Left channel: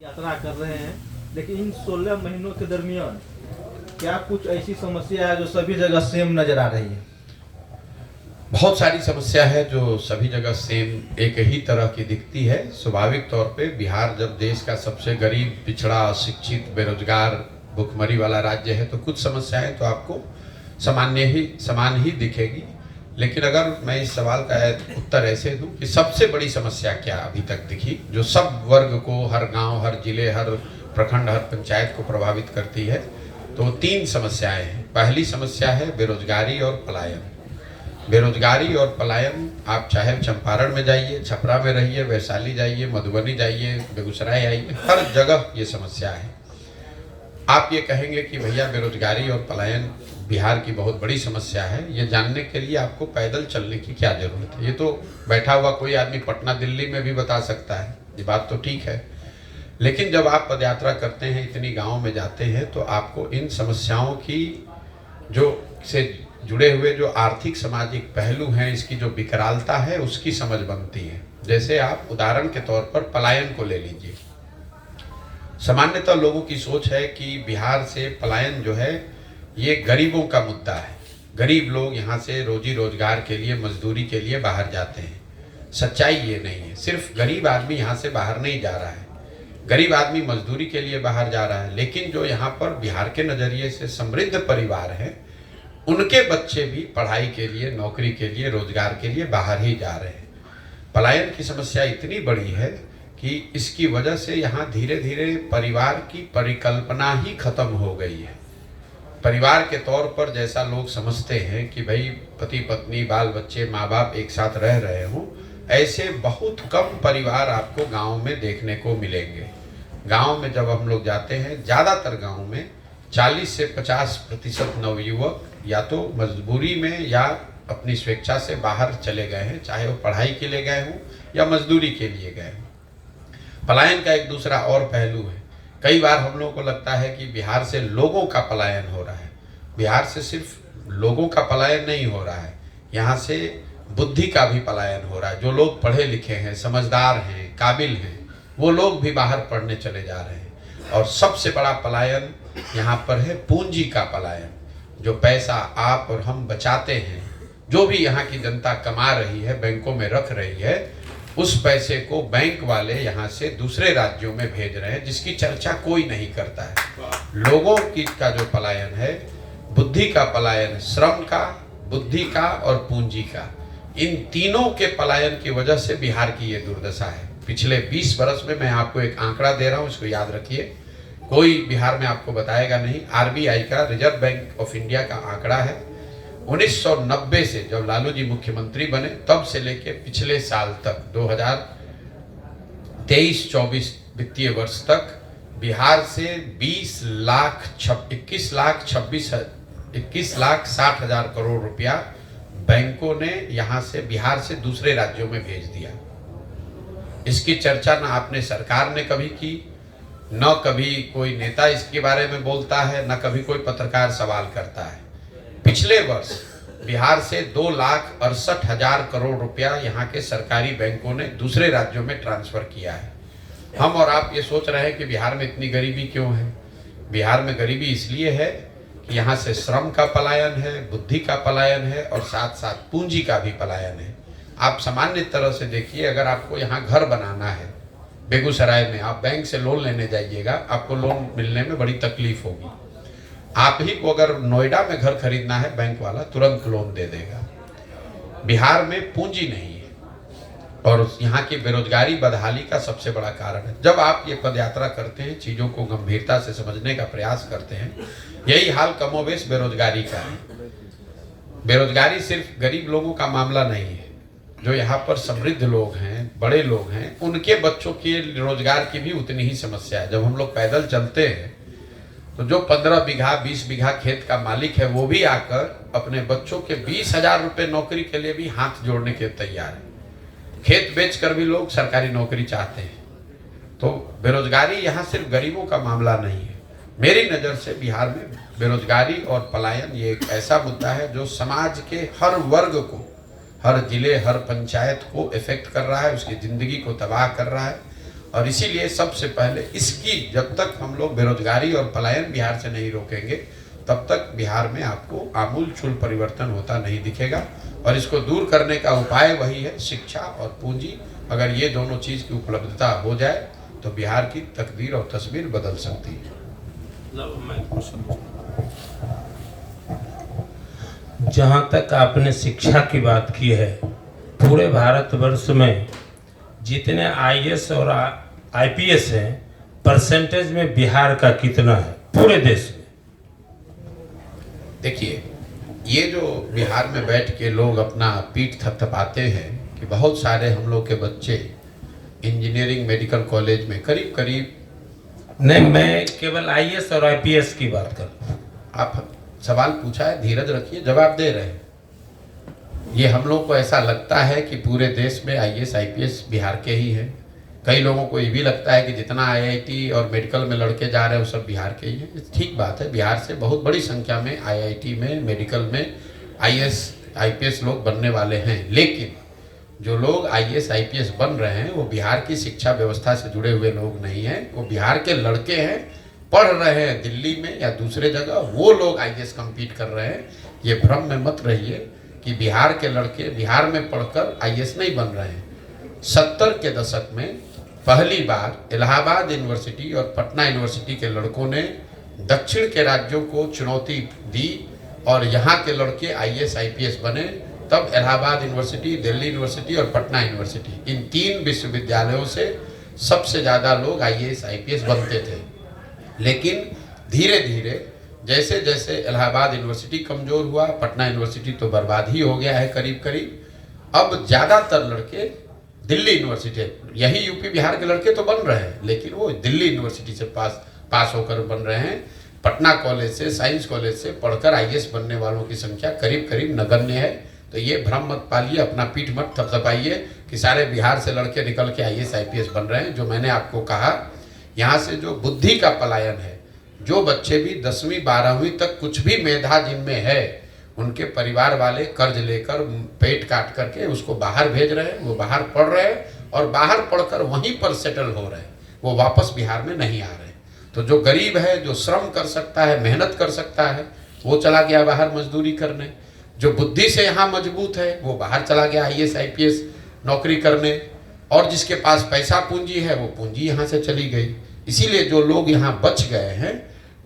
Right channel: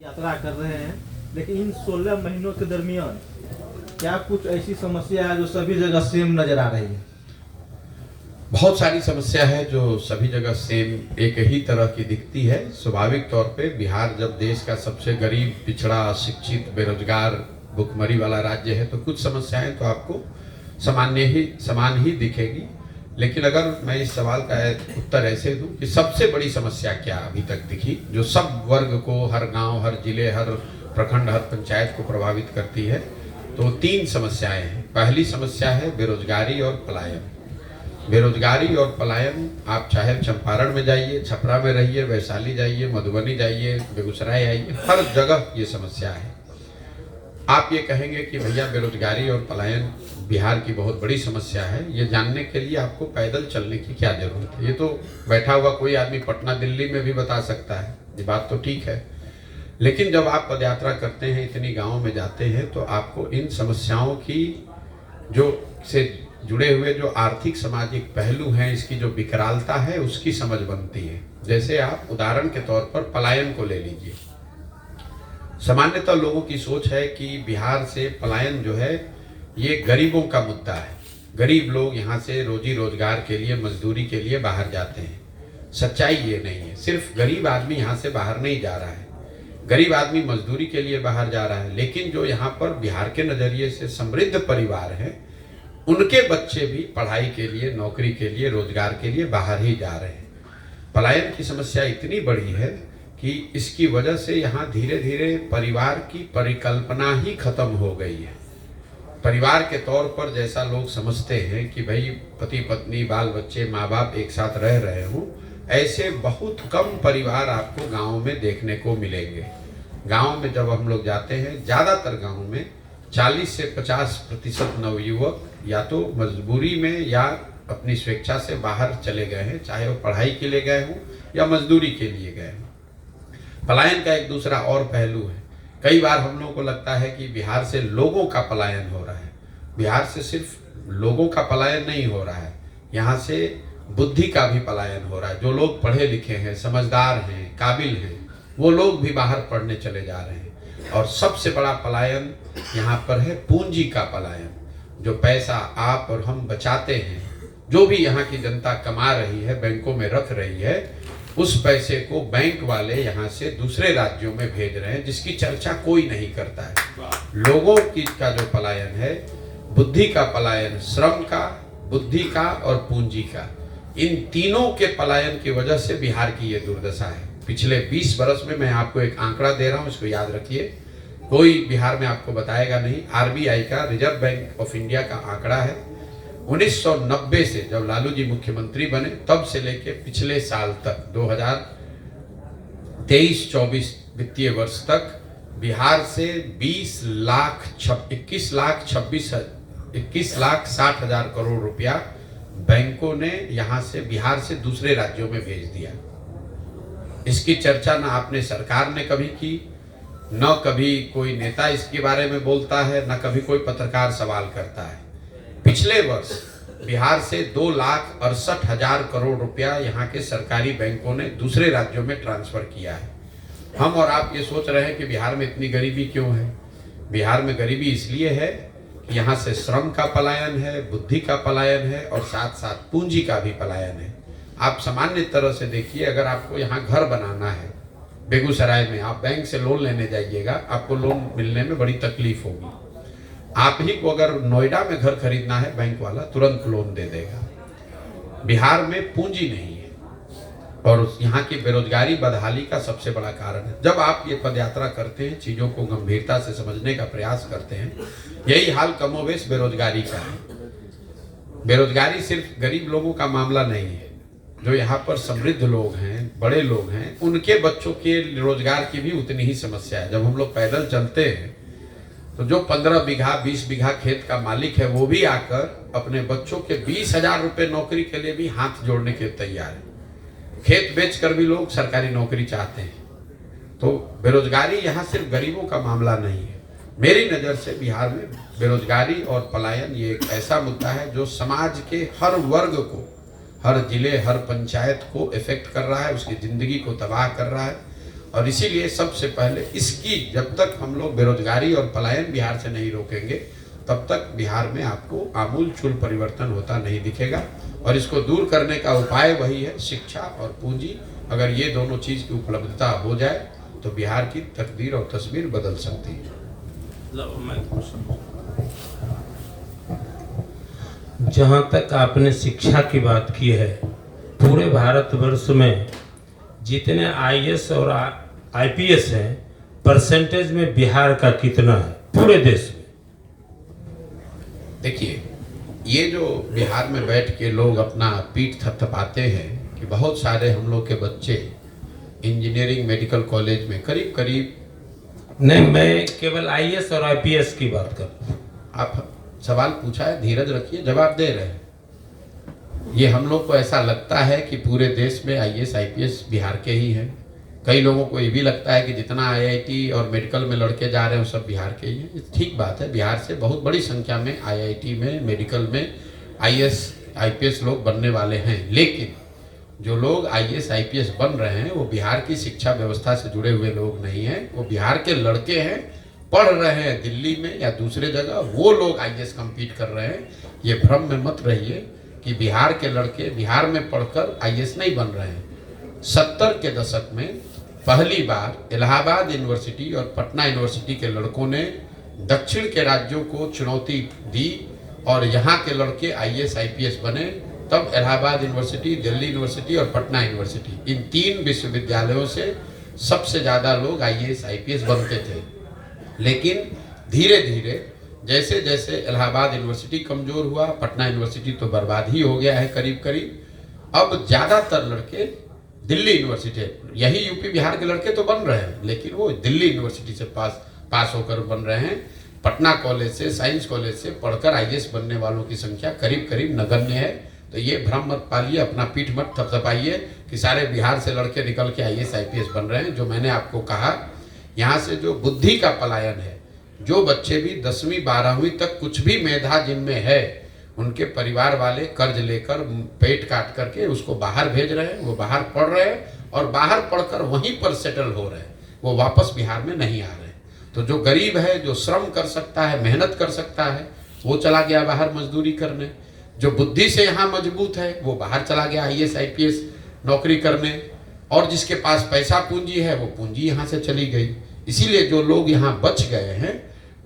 यात्रा कर रहे हैं, लेकिन इन 16 महीनों के दरमियान क्या कुछ ऐसी समस्या है जो सभी जगह सेम नजर आ रही है? बहुत सारी समस्या है जो सभी जगह सेम एक ही तरह की दिखती है। स्वाभाविक तौर पे बिहार जब देश का सबसे गरीब, पिछड़ा, अशिक्षित, बेरोजगार, भुखमरी वाला राज्य है तो कुछ समस्याएं तो आपको समान ही दिखेगी। लेकिन अगर मैं इस सवाल का उत्तर ऐसे दूं कि सबसे बड़ी समस्या क्या अभी तक दिखी जो सब वर्ग को, हर गांव, हर जिले, हर प्रखंड, हर पंचायत को प्रभावित करती है, तो 3 समस्याएं हैं। पहली समस्या है बेरोजगारी और पलायन। बेरोजगारी और पलायन, आप चाहे चंपारण में जाइए, छपरा में रहिए, वैशाली जाइए, मधुबनी जाइए, बेगूसराय आइए, हर जगह ये समस्या है। आप ये कहेंगे कि भैया बेरोजगारी और पलायन बिहार की बहुत बड़ी समस्या है, ये जानने के लिए आपको पैदल चलने की क्या जरूरत है? ये तो बैठा हुआ कोई आदमी पटना, दिल्ली में भी बता सकता है, ये बात तो ठीक है। लेकिन जब आप पदयात्रा करते हैं, इतनी गाँव में जाते हैं, तो आपको इन समस्याओं की से जुड़े हुए जो आर्थिक सामाजिक पहलू हैं, इसकी जो विकरालता है, उसकी समझ बनती है। जैसे आप उदाहरण के तौर पर पलायन को ले लीजिए। सामान्यतः लोगों की सोच है कि बिहार से पलायन जो है ये गरीबों का मुद्दा है। गरीब लोग यहाँ से रोजी रोजगार के लिए, मजदूरी के लिए बाहर जाते हैं। सच्चाई ये नहीं है। सिर्फ गरीब आदमी यहाँ से बाहर नहीं जा रहा है, गरीब आदमी मजदूरी के लिए बाहर जा रहा है, लेकिन जो यहाँ पर बिहार के नज़रिए से समृद्ध परिवार हैं, उनके बच्चे भी पढ़ाई के लिए, नौकरी के लिए, रोजगार के लिए बाहर ही जा रहे हैं। पलायन की समस्या इतनी बड़ी है कि इसकी वजह से यहाँ धीरे धीरे परिवार की परिकल्पना ही खत्म हो गई है। परिवार के तौर पर जैसा लोग समझते हैं कि भाई पति पत्नी, बाल बच्चे, माँ बाप एक साथ रह रहे हों, ऐसे बहुत कम परिवार आपको गाँव में देखने को मिलेंगे। गाँव में जब हम लोग जाते हैं, ज़्यादातर गाँव में 40 से 50% नवयुवक या तो मजबूरी में या अपनी स्वेच्छा से बाहर चले गए हैं, चाहे वो पढ़ाई के लिए गए हों या मजदूरी के लिए गए हों। पलायन का एक दूसरा और पहलू है। कई बार हम लोगों को लगता है कि बिहार से लोगों का पलायन हो रहा है। बिहार से सिर्फ लोगों का पलायन नहीं हो रहा है, यहाँ से बुद्धि का भी पलायन हो रहा है। जो लोग पढ़े लिखे हैं, समझदार हैं, काबिल हैं, वो लोग भी बाहर पढ़ने चले जा रहे हैं। और सबसे बड़ा पलायन यहाँ पर है पूंजी का पलायन। जो पैसा आप और हम बचाते हैं, जो भी यहाँ की जनता कमा रही है, बैंकों में रख रही है, उस पैसे को बैंक वाले यहाँ से दूसरे राज्यों में भेज रहे हैं, जिसकी चर्चा कोई नहीं करता है। लोगों की का जो पलायन है, बुद्धि का पलायन, श्रम का, बुद्धि का और पूंजी का, इन तीनों के पलायन की वजह से बिहार की ये दुर्दशा है। पिछले 20 वर्ष में, मैं आपको एक आंकड़ा दे रहा हूँ, इसको याद रखिए, कोई बिहार में आपको बताएगा नहीं। RBI का, रिजर्व बैंक ऑफ इंडिया का आंकड़ा है, 1990 से जब लालू जी मुख्यमंत्री बने तब से लेके पिछले साल तक 2023-24 वित्तीय वर्ष तक बिहार से 21,60,000 करोड़ रुपया बैंकों ने यहाँ से, बिहार से दूसरे राज्यों में भेज दिया। इसकी चर्चा ना आपने सरकार ने कभी की, न कभी कोई नेता इसके बारे में बोलता है, न कभी कोई पत्रकार सवाल करता है। पिछले वर्ष बिहार से 2,68,000 करोड़ रुपया यहाँ के सरकारी बैंकों ने दूसरे राज्यों में ट्रांसफर किया है। हम और आप ये सोच रहे हैं कि बिहार में इतनी गरीबी क्यों है? बिहार में गरीबी इसलिए है कि यहाँ से श्रम का पलायन है, बुद्धि का पलायन है और साथ साथ पूंजी का भी पलायन है। आप सामान्य तरह से देखिए, अगर आपको यहाँ घर बनाना है बेगूसराय में, आप बैंक से लोन लेने जाइएगा, आपको लोन मिलने में बड़ी तकलीफ होगी। आप ही को अगर नोएडा में घर खरीदना है, बैंक वाला तुरंत लोन दे देगा। बिहार में पूंजी नहीं है और यहाँ की बेरोजगारी बदहाली का सबसे बड़ा कारण है। जब आप ये पदयात्रा करते हैं, चीज़ों को गंभीरता से समझने का प्रयास करते हैं, यही हाल कमोबेश बेरोजगारी का है। बेरोजगारी सिर्फ गरीब लोगों का मामला नहीं है। जो यहाँ पर समृद्ध लोग हैं, बड़े लोग हैं, उनके बच्चों के रोजगार की भी उतनी ही समस्या है। जब हम लोग पैदल चलते हैं तो जो 15 बीघा 20 बीघा खेत का मालिक है, वो भी आकर अपने बच्चों के 20,000 रुपये नौकरी के लिए भी हाथ जोड़ने के तैयार है। खेत बेचकर भी लोग सरकारी नौकरी चाहते हैं। तो बेरोजगारी यहाँ सिर्फ गरीबों का मामला नहीं है। मेरी नज़र से बिहार में बेरोजगारी और पलायन ये एक ऐसा मुद्दा है जो समाज के हर वर्ग को, हर जिले, हर पंचायत को इफेक्ट कर रहा है, उसकी ज़िंदगी को तबाह कर रहा है और इसीलिए सबसे पहले इसकी जब तक हम लोग बेरोजगारी और पलायन बिहार से नहीं रोकेंगे तब तक बिहार में आपको आमूल चूल परिवर्तन होता नहीं दिखेगा। और इसको दूर करने का उपाय वही है, शिक्षा और पूंजी। अगर ये दोनों चीज की उपलब्धता हो जाए तो बिहार की तकदीर और तस्वीर बदल सकती है। जहाँ तक आपने शिक्षा की बात की है, पूरे भारतवर्ष में जितने आईएएस और आईपीएस हैं, परसेंटेज में बिहार का कितना है पूरे देश में? देखिए, ये जो बिहार में बैठ के लोग अपना पीठ थपथपाते हैं कि बहुत सारे हम लोग के बच्चे इंजीनियरिंग मेडिकल कॉलेज में करीब करीब, नहीं, मैं केवल आईएएस और आईपीएस की बात कर रहा हूं। आप सवाल पूछा है, धीरज रखिए, जवाब दे रहे हैं। ये हम लोग को ऐसा लगता है कि पूरे देश में आईएएस आईपीएस बिहार के ही हैं। कई लोगों को ये भी लगता है कि जितना आईआईटी और मेडिकल में लड़के जा रहे हैं वो सब बिहार के ही हैं। ठीक बात है, बिहार से बहुत बड़ी संख्या में आईआईटी में, मेडिकल में आईएएस आईपीएस लोग बनने वाले हैं। लेकिन जो लोग आईएएस आईपीएस बन रहे हैं वो बिहार की शिक्षा व्यवस्था से जुड़े हुए लोग नहीं हैं। वो बिहार के लड़के हैं, पढ़ रहे हैं दिल्ली में या दूसरे जगह, वो लोग आईएएस कम्पीट कर रहे हैं। ये भ्रम में मत रहिए कि बिहार के लड़के बिहार में पढ़कर आईएएस नहीं बन रहे हैं। 70 के दशक में पहली बार इलाहाबाद यूनिवर्सिटी और पटना यूनिवर्सिटी के लड़कों ने दक्षिण के राज्यों को चुनौती दी और यहाँ के लड़के आईएएस आईपीएस बने। तब इलाहाबाद यूनिवर्सिटी, दिल्ली यूनिवर्सिटी और पटना यूनिवर्सिटी, इन 3 विश्वविद्यालयों से सबसे ज़्यादा लोग आईएएस आईपीएस बनते थे। लेकिन धीरे धीरे जैसे जैसे इलाहाबाद यूनिवर्सिटी कमज़ोर हुआ, पटना यूनिवर्सिटी तो बर्बाद ही हो गया है करीब करीब। अब ज़्यादातर लड़के दिल्ली यूनिवर्सिटी, यही यूपी बिहार के लड़के तो बन रहे हैं, लेकिन वो दिल्ली यूनिवर्सिटी से पास होकर बन रहे हैं। पटना कॉलेज से, साइंस कॉलेज से पढ़कर आईएएस बनने वालों की संख्या करीब करीब नगण्य है। तो ये भ्रम मत पालिए, अपना पीठ मत थपथपाइए कि सारे बिहार से लड़के निकल के आईएएस आईपीएस बन रहे हैं। जो मैंने आपको कहा, यहाँ से जो बुद्धि का पलायन है, जो बच्चे भी 10वीं 12वीं तक कुछ भी मेधा जिनमें है, उनके परिवार वाले कर्ज लेकर पेट काट करके उसको बाहर भेज रहे हैं। वो बाहर पढ़ रहे हैं और बाहर पढ़कर वहीं पर सेटल हो रहे हैं, वो वापस बिहार में नहीं आ रहे हैं। तो जो गरीब है, जो श्रम कर सकता है, मेहनत कर सकता है, वो चला गया बाहर मजदूरी करने। जो बुद्धि से यहाँ मजबूत है वो बाहर चला गया आईएएस आईपीएस नौकरी करने। और जिसके पास पैसा पूंजी है वो पूंजी यहाँ से चली गई। इसीलिए जो लोग यहाँ बच गए हैं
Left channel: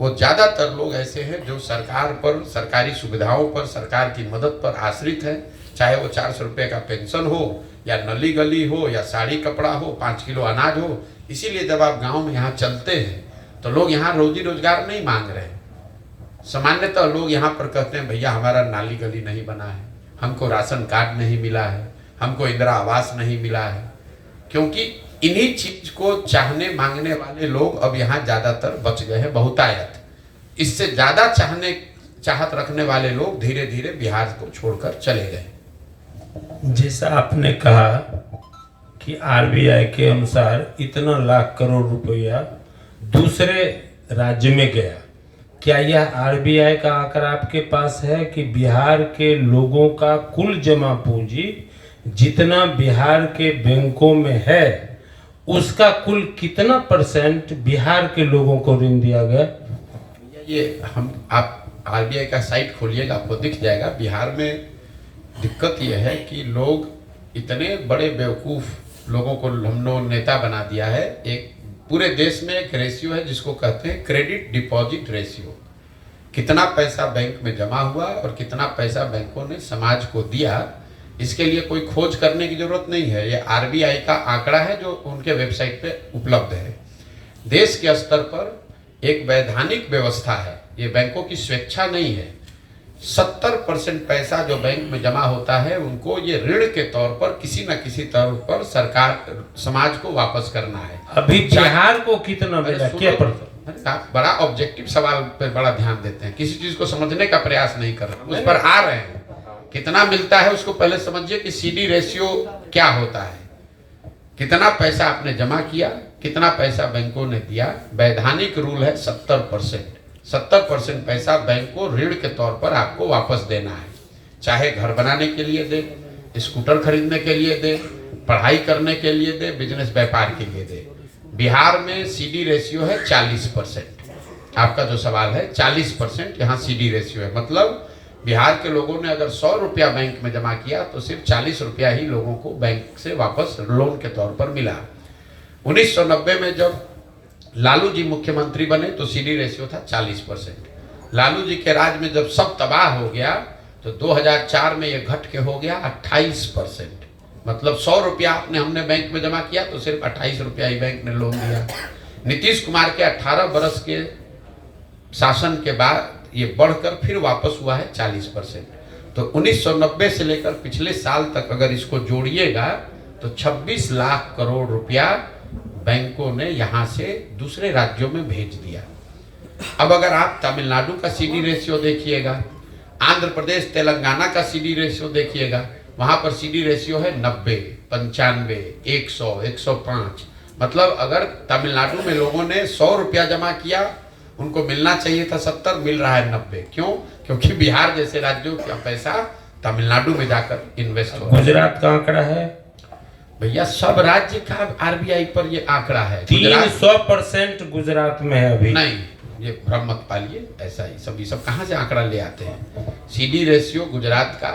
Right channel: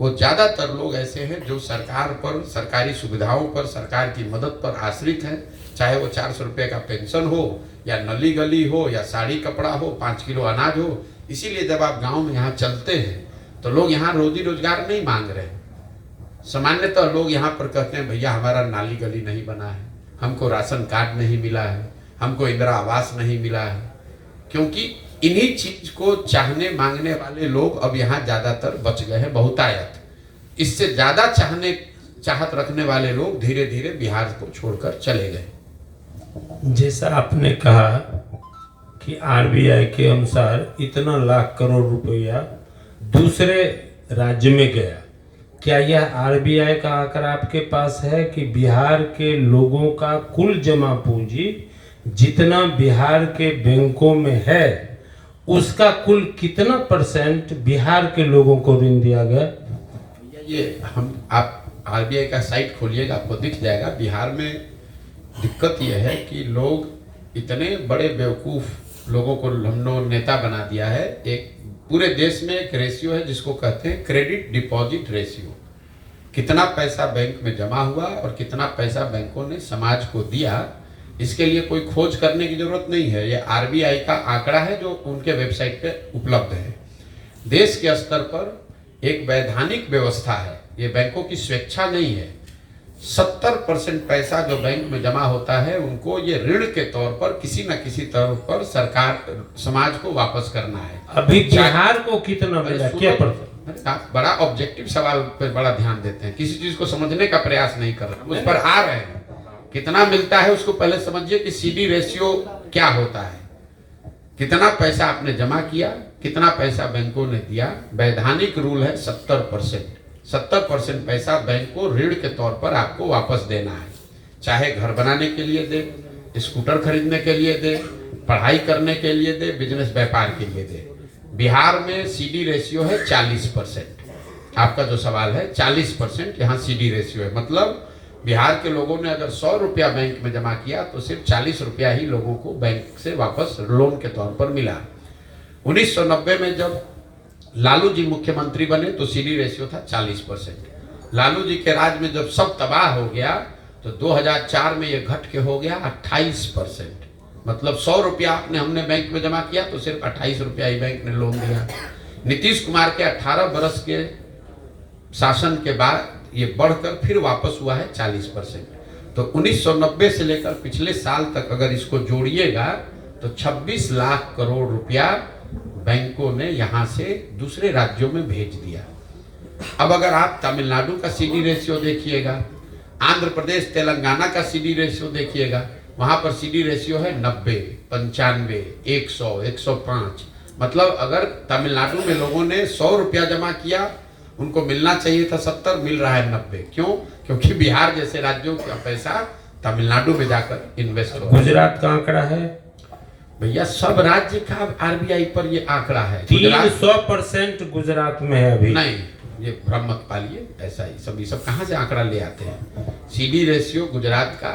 वो ज़्यादातर लोग ऐसे हैं जो सरकार पर, सरकारी सुविधाओं पर, सरकार की मदद पर आश्रित हैं। चाहे वो 400 रुपये का पेंशन हो या नली गली हो या साड़ी कपड़ा हो, 5 किलो अनाज हो। इसीलिए जब आप गांव में यहाँ चलते हैं तो लोग यहाँ रोजी रोजगार नहीं मांग रहे हैं। सामान्यतः लोग यहाँ पर कहते हैं, भैया हमारा नाली गली नहीं बना है, हमको राशन कार्ड नहीं मिला है, हमको इंदिरा आवास नहीं मिला है। क्योंकि इन्हीं चीज को चाहने मांगने वाले लोग अब यहाँ ज्यादातर बच गए हैं, बहुतायत। इससे ज्यादा चाहत रखने वाले लोग धीरे धीरे बिहार को छोड़कर चले गए। जैसा आपने कहा कि आरबीआई के अनुसार इतना लाख करोड़ रुपया दूसरे राज्य में गया, क्या यह आरबीआई का आंकड़ा आपके पास है कि बिहार के लोगों का कुल जमा पूंजी जितना बिहार के बैंकों में है उसका कुल कितना % बिहार के लोगों को ऋण दिया गया? ये आप आरबीआई का साइट खोलिएगा, आपको दिख जाएगा। बिहार में दिक्कत यह है कि लोग इतने बड़े बेवकूफ़ लोगों को हम लोग नेता बना दिया है। एक पूरे देश में एक रेशियो है जिसको कहते हैं क्रेडिट डिपॉजिट रेशियो। कितना पैसा बैंक में जमा हुआ और कितना पैसा बैंकों ने समाज को दिया, इसके लिए कोई खोज करने की जरूरत नहीं है। ये आरबीआई का आंकड़ा है जो उनके वेबसाइट पे उपलब्ध है। देश के स्तर पर एक वैधानिक व्यवस्था है, ये बैंकों की स्वेच्छा नहीं है। 70% पैसा जो बैंक में जमा होता है उनको ये ऋण के तौर पर किसी न किसी तौर पर सरकार समाज को वापस करना है। अभी बिहार को कितना मिला, क्या पड़ता? बड़ा ऑब्जेक्टिव सवाल पर बड़ा ध्यान देते हैं, किसी चीज को समझने का प्रयास नहीं कर रहे, उस पर आ रहे हैं। कितना मिलता है उसको पहले समझिए कि सीडी रेशियो क्या होता है। कितना पैसा आपने जमा किया, कितना पैसा बैंकों ने दिया। वैधानिक रूल है 70%। 70% पैसा बैंक को ऋण के तौर पर आपको वापस देना है। चाहे घर बनाने के लिए दे, स्कूटर खरीदने के लिए दे, पढ़ाई करने के लिए दे, बिजनेस व्यापार के लिए दे। बिहार में सीडी रेशियो है 40%। आपका जो सवाल है 40% यहाँ सीडी रेशियो है, मतलब बिहार के लोगों ने अगर 100 रुपया बैंक में जमा किया तो सिर्फ 40 रुपया ही लोगों को बैंक से वापस लोन के तौर पर मिला। 1990 में जब लालू जी मुख्यमंत्री बने तो सीडी रेशियो था 40%। लालू जी के राज में जब सब तबाह हो गया तो 2004 में ये घट के हो गया 28%। मतलब 100 रुपया हमने बैंक में जमा किया तो सिर्फ 28 रुपया ही बैंक ने लोन दिया। नीतीश कुमार के 18 बरस के शासन के बाद ये बढ़कर फिर वापस हुआ है 40%। तो 1990 से लेकर पिछले साल तक अगर इसको जोड़िएगा तो 26 लाख करोड़ रुपया बैंकों ने यहाँ से दूसरे राज्यों में भेज दिया। अब अगर आप तमिलनाडु का सीडी रेशियो देखिएगा, आंध्र प्रदेश तेलंगाना का सीडी रेशियो देखिएगा, वहां पर सीडी रेशियो है 90, 95, 100, 105। मतलब अगर तमिलनाडु में लोगों ने 100 रुपया जमा किया, उनको मिलना चाहिए था 70, मिल रहा है 90। क्यों? क्योंकि बिहार जैसे राज्यों का पैसा तमिलनाडु में जाकर इन्वेस्ट हो। गुजरात का आंकड़ा है भैया, सब राज्य का आरबीआई पर ये आंकड़ा है। 300% गुजरात में है अभी। नहीं, ये भ्रम मत पालिए, ऐसा ही सब कहाँ से आंकड़ा ले आते हैं। सीडी रेशियो गुजरात का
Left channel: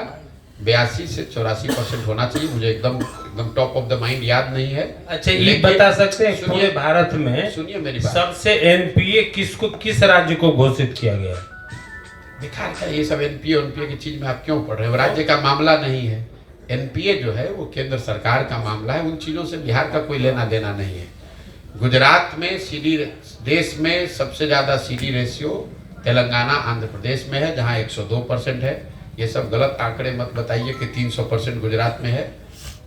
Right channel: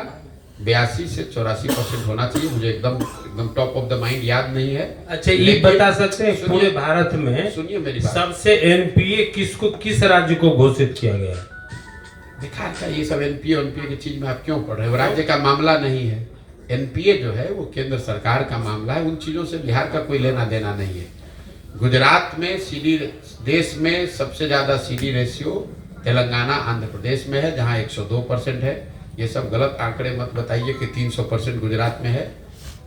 82 से 84% होना चाहिए। मुझे एकदम टॉप ऑफ द माइंड याद नहीं है। अच्छा, ये बता सकते हैं पूरे भारत में सुनिए मेरी बात, सबसे एनपीए किस राज्य को घोषित किया गया? बिहार का। ये सब एनपीए की चीज में आप क्यों पढ़ रहे हो? राज्य का मामला नहीं है। एनपीए जो है वो केंद्र सरकार का मामला है, उन चीजों से बिहार का कोई लेना देना नहीं है। गुजरात में सीडी, देश में सबसे ज्यादा सीडी रेशियो तेलंगाना आंध्र प्रदेश में है, जहां 102% है। ये सब गलत आंकड़े मत बताइए कि 300% गुजरात में है।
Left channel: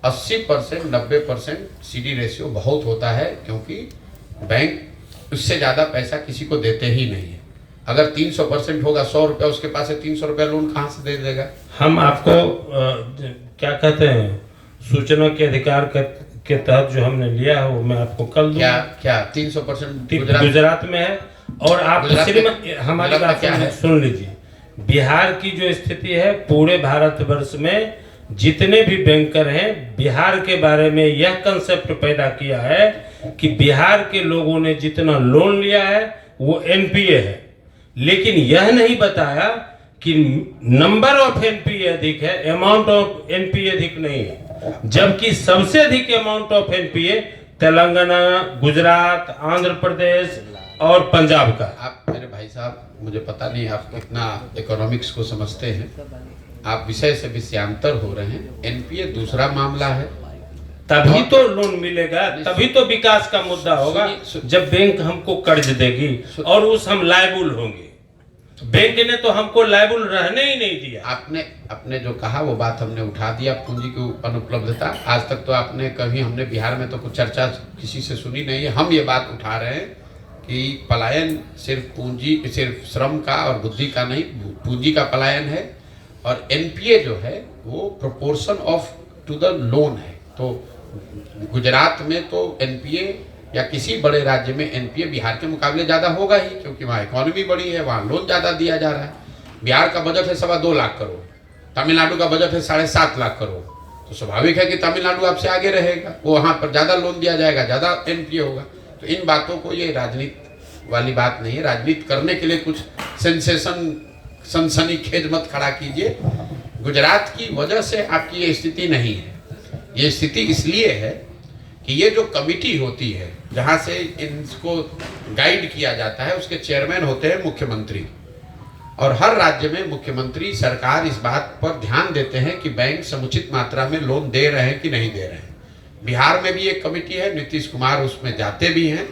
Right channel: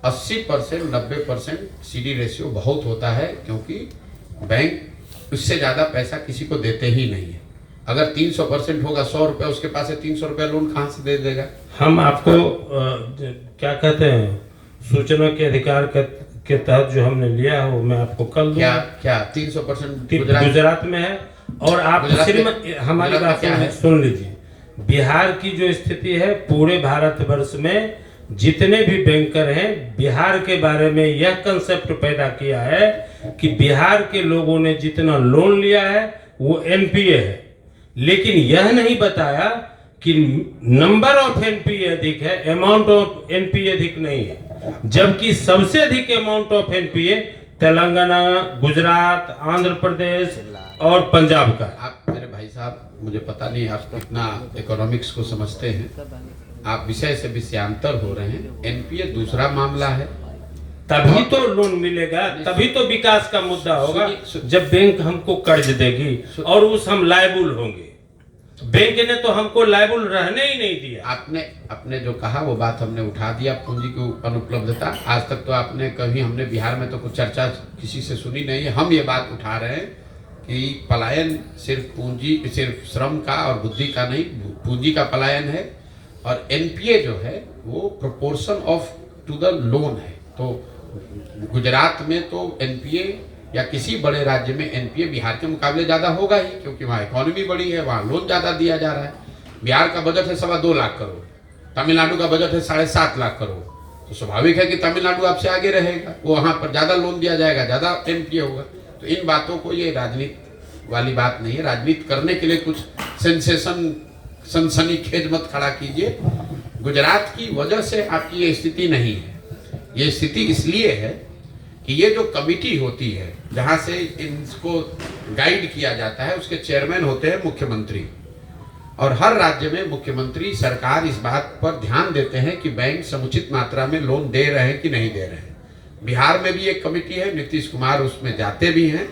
80%, 90% सीडी रेशियो बहुत होता है, क्योंकि बैंक उससे ज्यादा पैसा किसी को देते ही नहीं है। अगर 300% होगा, 100 रुपया उसके पास है, 300 रुपया लोन कहाँ से दे देगा? हम आपको क्या कहते हैं, सूचना के अधिकार के तहत जो हमने लिया है वो मैं आपको कल दूंगा। क्या 300% गुजरात में है? और आप हमारी बात सुन लीजिए। बिहार की जो स्थिति है, पूरे भारतवर्ष में जितने भी बैंकर हैं, बिहार के बारे में यह कंसेप्ट पैदा किया है कि बिहार के लोगों ने जितना लोन लिया है वो एनपीए है, लेकिन यह नहीं बताया कि नंबर ऑफ एनपीए अधिक है, अमाउंट ऑफ एनपीए अधिक नहीं है। जबकि सबसे अधिक amount of NPA Telangana, Gujarat, Andhra Pradesh और पंजाब का। आप मेरे भाई साहब, मुझे पता नहीं आप कितना इकोनॉमिक्स को समझते हैं, आप विषय से विषयांतर हो रहे हैं। एनपीए दूसरा मामला है, तभी तो लोन मिलेगा, तभी तो विकास का मुद्दा होगा जब बैंक हमको कर्ज देगी और उस हम लायबल होंगे। बैंक ने तो हमको लायबल रहने ही नहीं दिया। आपने जो कहा वो बात हमने उठा दिया, पूंजी की अनुपलब्धता। आज तक तो आपने कभी, हमने बिहार में तो कुछ चर्चा किसी से सुनी नहीं है। हम ये बात उठा रहे हैं कि पलायन सिर्फ श्रम का और बुद्धि का नहीं, पूंजी का पलायन है। और एनपीए जो है वो proportion of to the loan है। तो गुजरात में तो एनपीए या किसी बड़े राज्य में एनपीए बिहार के मुकाबले ज़्यादा होगा ही, क्योंकि वहाँ इकोनॉमी बड़ी है, वहाँ लोन ज़्यादा दिया जा रहा है। बिहार का बजट है 2.25 लाख करोड़, तमिलनाडु का बजट है 7.5 लाख करोड़। तो स्वाभाविक है कि तमिलनाडु आपसे आगे रहेगा, वो वहाँ पर ज़्यादा लोन दिया जाएगा, ज़्यादा एनपीए होगा। तो इन बातों को, ये राजनीति वाली बात नहीं है। राजनीति करने के लिए कुछ सनसनीखेज मत खड़ा कीजिए। गुजरात की वजह से आपकी ये स्थिति नहीं है। ये स्थिति इसलिए है कि ये जो कमिटी होती है जहाँ से इनको गाइड किया जाता है, उसके चेयरमैन होते हैं मुख्यमंत्री। और हर राज्य में मुख्यमंत्री, सरकार इस बात पर ध्यान देते हैं कि बैंक समुचित मात्रा में लोन दे रहे हैं कि नहीं दे रहे हैं। बिहार में भी एक कमिटी है, नीतीश कुमार उसमें जाते भी हैं।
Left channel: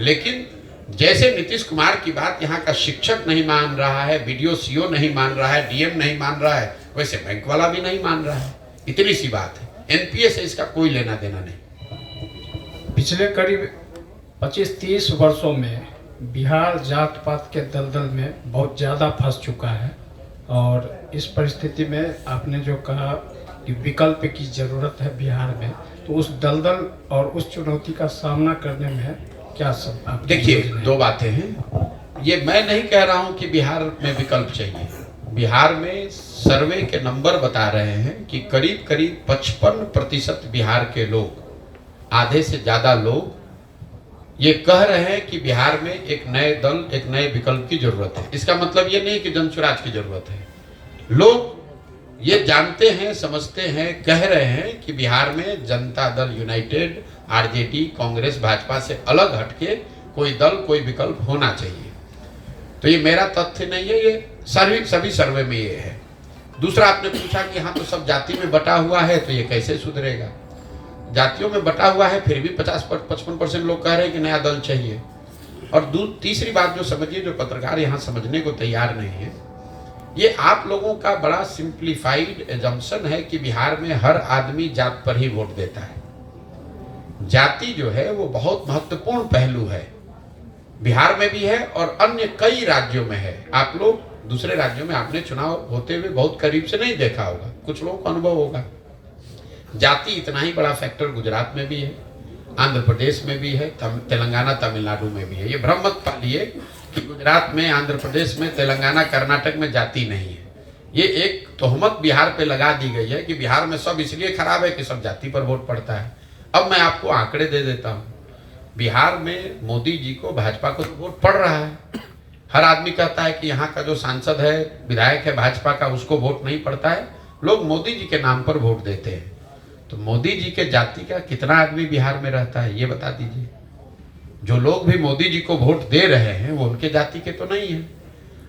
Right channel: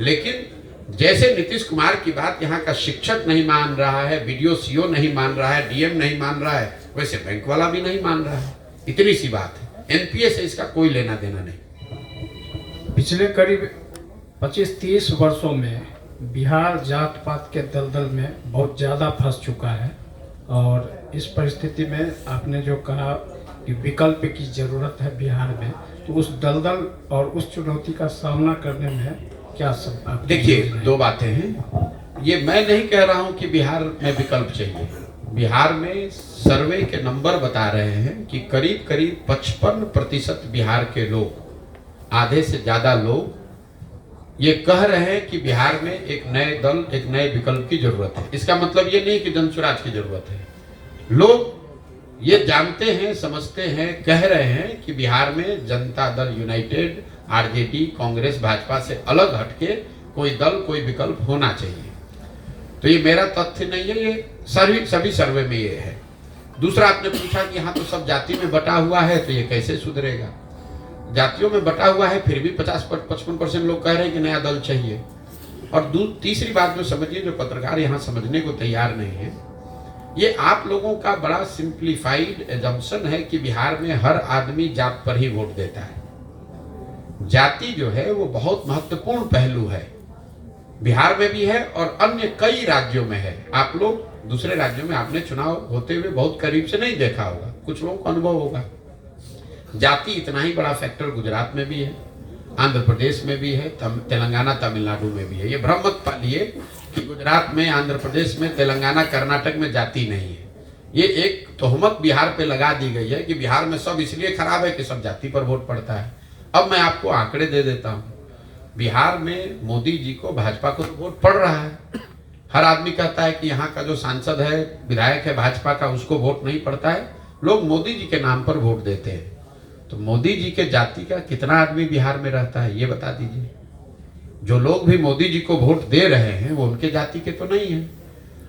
लेकिन जैसे नीतीश कुमार की बात यहाँ का शिक्षक नहीं मान रहा है, बीडीओ सीओ नहीं मान रहा है, डीएम नहीं मान रहा है, वैसे बैंक वाला भी नहीं मान रहा है। इतनी सी बात है। एनपीए से इसका कोई लेना देना नहीं। पिछले करीब 25-30 वर्षों में बिहार जात पात के दलदल में बहुत ज़्यादा फंस चुका है। और इस परिस्थिति में आपने जो कहा कि विकल्प की ज़रूरत है बिहार में, तो उस दलदल और उस चुनौती का सामना करने में क्या सब? देखिए, दो बातें हैं। ये मैं नहीं कह रहा हूँ कि बिहार में विकल्प चाहिए। बिहार में सर्वे के नंबर बता रहे हैं कि करीब करीब 55% बिहार के लोग, आधे से ज़्यादा लोग ये कह रहे हैं कि बिहार में एक नए दल, एक नए विकल्प की जरूरत है। इसका मतलब ये नहीं कि जनसुराज की जरूरत है। लोग ये जानते हैं, समझते हैं, कह रहे हैं कि बिहार में जनता दल यूनाइटेड, आरजेडी, कांग्रेस, भाजपा से अलग हटके कोई दल, कोई विकल्प होना चाहिए। तो ये मेरा तथ्य नहीं है, ये सभी सर्वे में ये है। दूसरा, आपने पूछा कि हाँ तो सब जाति में बटा हुआ है तो ये कैसे सुधरेगा। जातियों में बटा हुआ है, फिर भी 50-55% लोग कह रहे हैं कि नया दल चाहिए। और तीसरी बात जो समझिए, जो पत्रकार यहाँ समझने को तैयार नहीं है, ये आप लोगों का बड़ा सिंप्लीफाइड एजम्पशन है कि बिहार में हर आदमी जात पर ही वोट देता है। जाति जो है वो बहुत महत्वपूर्ण पहलू है, बिहार में भी है और अन्य कई राज्यों में है। आप लोग दूसरे राज्यों में आपने चुनाव होते हुए बहुत करीब से नहीं देखा होगा, कुछ लोगों को अनुभव होगा। जाति इतना ही बड़ा फैक्टर गुजरात में भी है, आंध्र प्रदेश में भी है, तेलंगाना, तमिलनाडु में भी है। ये भ्रम मत पालिए कि गुजरात में, आंध्र प्रदेश में, तेलंगाना, कर्नाटक में जाति नहीं है। ये एक तोहमत बिहार पे लगा दी गई है कि बिहार में सब इसलिए खराब है कि सब जाति पर वोट पड़ता है। अब मैं आपको आंकड़े दे देता हूँ। बिहार में मोदी जी को, भाजपा को तो वोट पड़ रहा है। हर आदमी कहता है कि यहाँ का जो सांसद है, विधायक है भाजपा का, उसको वोट नहीं पड़ता है। लोग मोदी जी के नाम पर वोट देते हैं। तो मोदी जी के जाति का कितना आदमी बिहार में रहता है, ये बता दीजिए। जो लोग भी मोदी जी को वोट दे रहे हैं वो उनके जाति के तो नहीं है।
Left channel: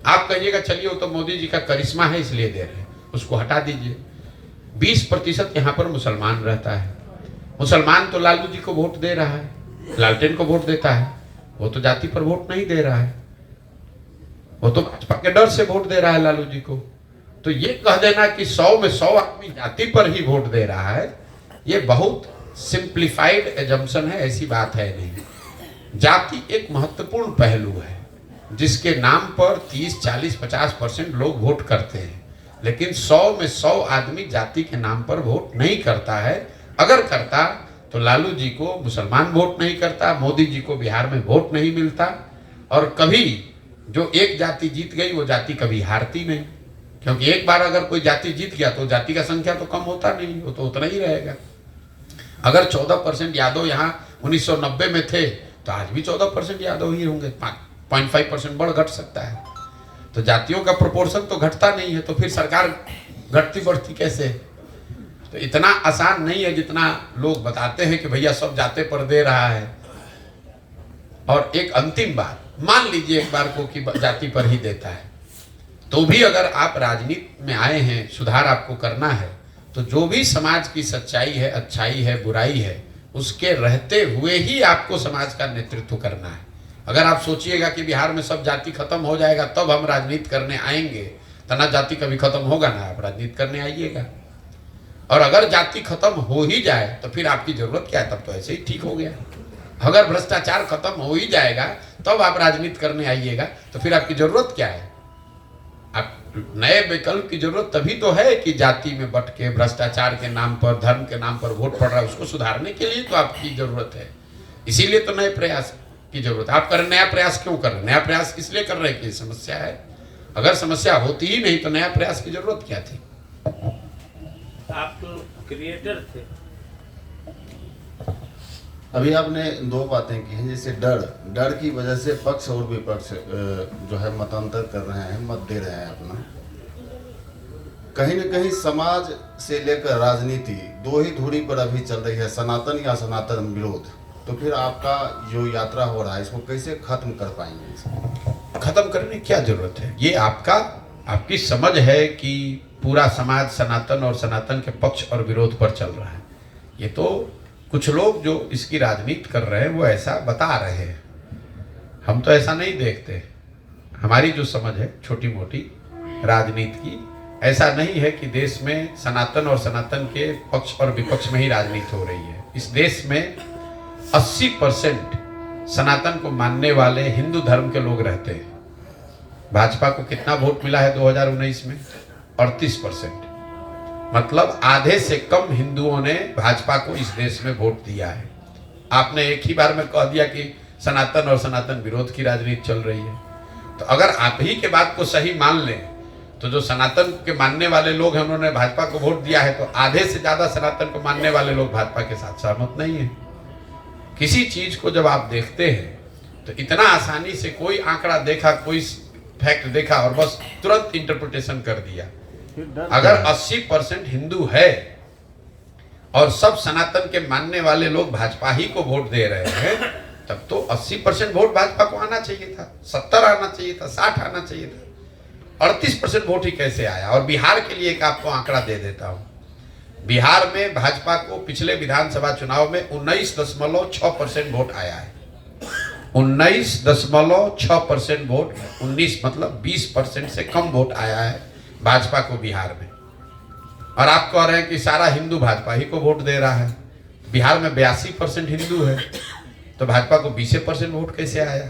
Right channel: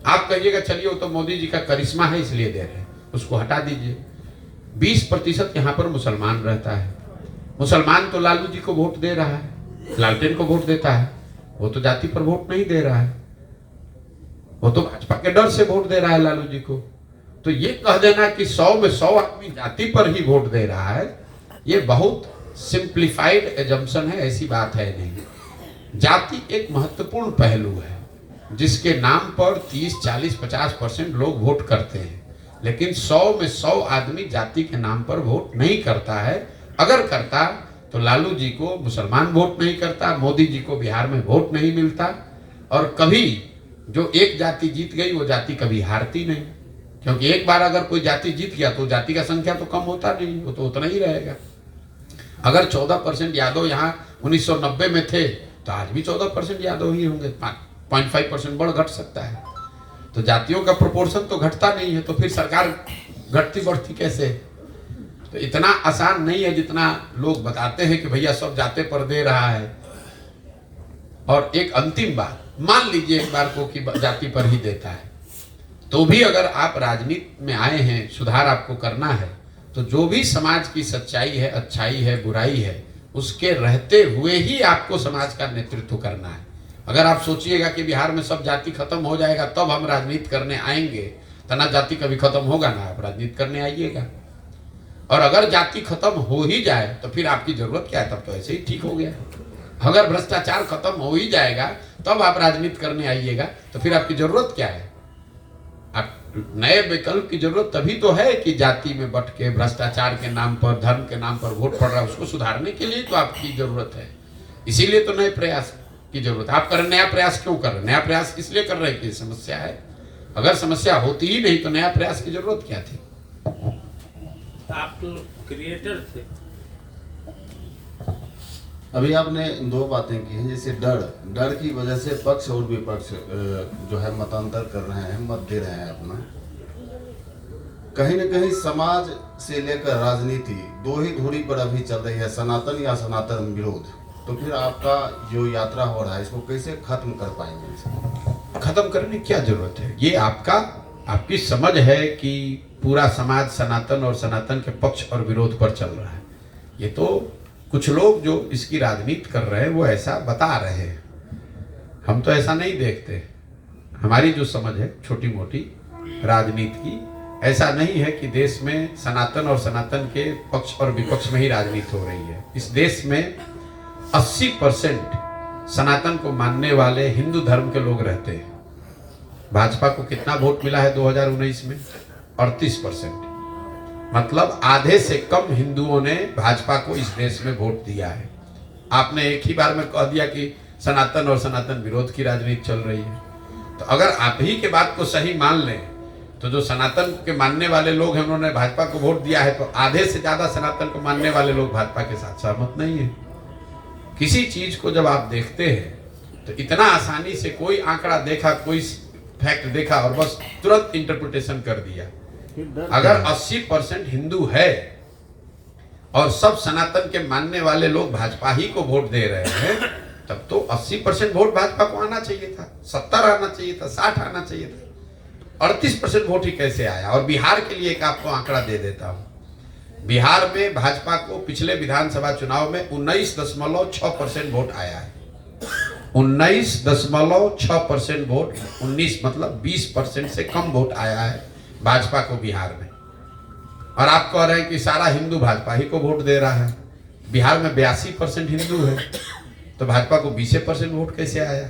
आप कहिएगा चलिए वो तो मोदी जी का करिश्मा है इसलिए दे रहे हैं, उसको हटा दीजिए। 20% यहाँ पर मुसलमान रहता है। मुसलमान तो लालू जी को वोट दे रहा है, लालटेन को वोट देता है, वो तो जाति पर वोट नहीं दे रहा है, वो तो भाजपा के डर से वोट दे रहा है लालू जी को। तो ये कह देना कि 100 में 100 आदमी जाति पर ही वोट दे रहा है, ये बहुत सिंप्लीफाइड एजम्पशन है, ऐसी बात है नहीं। जाति एक महत्वपूर्ण पहलू है जिसके नाम पर 30, 40, 50% लोग वोट करते हैं, लेकिन 100 में 100 आदमी जाति के नाम पर वोट नहीं करता है। अगर करता तो लालू जी को मुसलमान वोट नहीं करता, मोदी जी को बिहार में वोट नहीं मिलता, और कभी जो एक जाति जीत गई वो जाति कभी हारती नहीं, क्योंकि एक बार अगर कोई जाति जीत गया तो जाति का संख्या तो कम होता नहीं, वो तो उतना ही रहेगा। अगर 14% यादव यहाँ 1990 में थे तो आज भी 14% यादव ही होंगे, 0.5% बढ़ घट सकता है। तो जातियों का प्रोपोर्शन तो घटता नहीं है, तो फिर सरकार घटती बढ़ती कैसे? तो इतना आसान नहीं है जितना लोग बताते हैं कि भैया सब जाते पर दे रहा है। और एक अंतिम बात, मान लीजिए एक बार को कि जाति पर ही देता है, तो भी अगर आप राजनीति में आए हैं, सुधार आपको करना है, तो जो भी समाज की सच्चाई है, अच्छाई है, बुराई है, उसके रहते हुए ही आपको समाज का नेतृत्व करना है। अगर आप सोचिएगा कि बिहार में सब जाति खत्म हो जाएगा तब हम राजनीति करने आएंगे, तो ना जाति कभी खत्म होगा ना आप राजनीति करने आइएगा। और अगर जाति खत्म हो ही जाए तो फिर आपकी जरूरत क्या है? तब तो ऐसे ही ठीक हो गया। अगर भ्रष्टाचार खत्म हो ही जाएगा तब आप राजनीति करने आइएगा, तो फिर आपकी जरूरत क्या है? आप नए विकल्प की जरूरत तभी तो है कि जाति में बट के भ्रष्टाचार के नाम पर, धर्म के नाम पर वोट पड़ रहा है, उसको सुधारने के लिए तो आपकी जरूरत है। इसीलिए तो नए प्रयास की जरूरत है। आप कर नया प्रयास क्यों कर रहे हैं? नया प्रयास इसलिए कर रहे हैं कि समस्या है। अगर समस्या होती ही नहीं तो नया प्रयास की जरूरत क्या थी? आप तो क्रिएटर थे। अभी आपने दो बातें की हैं, जैसे डर की वजह से पक्ष और विपक्ष जो है मतांतर कर रहे हैं, मत दे रहे हैं अपना। कहीं न कहीं समाज से लेकर राजनीति दो ही धुरी पर अभी चल रही है, सनातन या सनातन विरोध। तो फिर आपका जो यात्रा हो रहा है इसको कैसे खत्म कर पाएंगे? खत्म करने की क्या जरूरत है? ये आपकी समझ है कि पूरा समाज सनातन और सनातन के पक्ष और विरोध पर चल रहा है। ये तो कुछ लोग जो इसकी राजनीति कर रहे हैं वो ऐसा बता रहे हैं, हम तो ऐसा नहीं देखते। हमारी जो समझ है छोटी मोटी राजनीति की, ऐसा नहीं है कि देश में सनातन और सनातन के पक्ष और विपक्ष में ही राजनीति हो रही है। इस देश में 80% सनातन को मानने वाले हिंदू धर्म के लोग रहते हैं। भाजपा को कितना वोट मिला है 2019 में? 38%। मतलब आधे से कम हिंदुओं ने भाजपा को इस देश में वोट दिया है। आपने एक ही बार में कह दिया कि सनातन और सनातन विरोध की राजनीति चल रही है। तो अगर आप ही के बात को सही मान लें तो जो सनातन के मानने वाले लोग हैं उन्होंने भाजपा को वोट दिया है, तो आधे से ज्यादा सनातन को मानने वाले लोग भाजपा के साथ सहमत नहीं है। किसी चीज को जब आप देखते हैं तो इतना आसानी से कोई आंकड़ा देखा, कोई फैक्ट देखा और बस तुरंत इंटरप्रिटेशन कर दिया। अगर 80% हिंदू है और सब सनातन के मानने वाले लोग भाजपा ही को वोट दे रहे हैं, तब तो 80% वोट भाजपा को आना चाहिए था, 70 आना चाहिए था, 60 आना चाहिए था। 38% वोट ही कैसे आया? और बिहार के लिए एक आपको आंकड़ा दे देता हूं। बिहार में भाजपा को पिछले विधानसभा चुनाव में 19.6% वोट आया है। 19.6% वोट, 19 मतलब 20% से कम वोट आया है भाजपा को बिहार में। और आप कह रहे हैं कि सारा हिंदू भाजपा ही को वोट दे रहा है। बिहार में 82% हिंदू है, तो भाजपा को 20% वोट कैसे आया?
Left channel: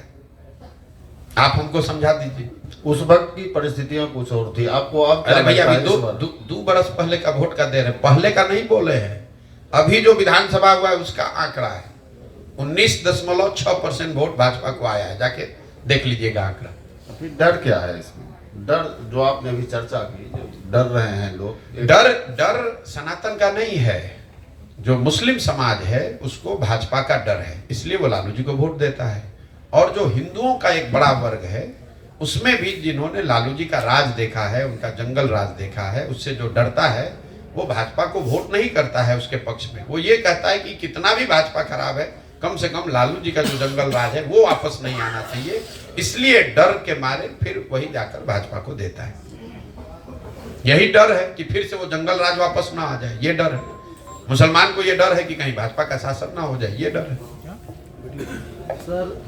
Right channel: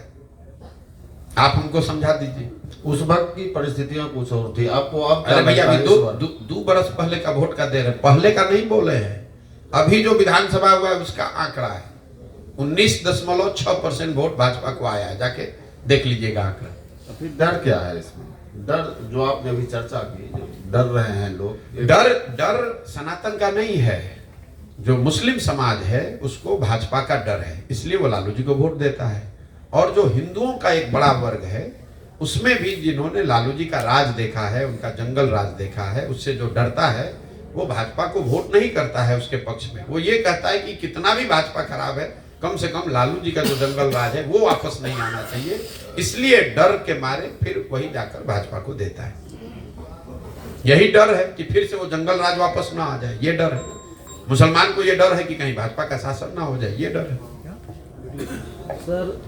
आप हमको समझा दीजिए। उस वक्त की परिस्थितियां कुछ और थी, आपको अब अरे भैया, अभी लगता है इस बार? दो बरस पहले का वोट का दे रहे, पहले का नहीं बोले हैं। अभी जो विधानसभा हुआ है उसका आंकड़ा है 19.6% वोट भाजपा को आया है। जाके देख लीजिएगा आंकड़ा। फिर डर क्या है इसमें? डर जो आपने अभी चर्चा की, जो डर रहे हैं लोग, डर सनातन का नहीं है। जो मुस्लिम समाज है उसको भाजपा का डर है, इसलिए वो लालू जी को वोट देता है। और जो हिंदुओं का एक बड़ा वर्ग है उसमें भी जिन्होंने लालू जी का राज देखा है, उनका जंगल राज देखा है, उससे जो डरता है वो भाजपा को वोट नहीं करता है उसके पक्ष में। वो ये कहता है कि कितना भी भाजपा खराब है, कम से कम लालू जी का जो जंगल राज है वो वापस नहीं आना चाहिए। इसलिए डर के मारे फिर वही जाकर भाजपा को देता है। यही डर है कि फिर से वो जंगल राज वापस ना आ जाए, ये डर है। मुसलमान को ये डर है कि कहीं भाजपा का शासन ना हो जाए, ये डर है। सर,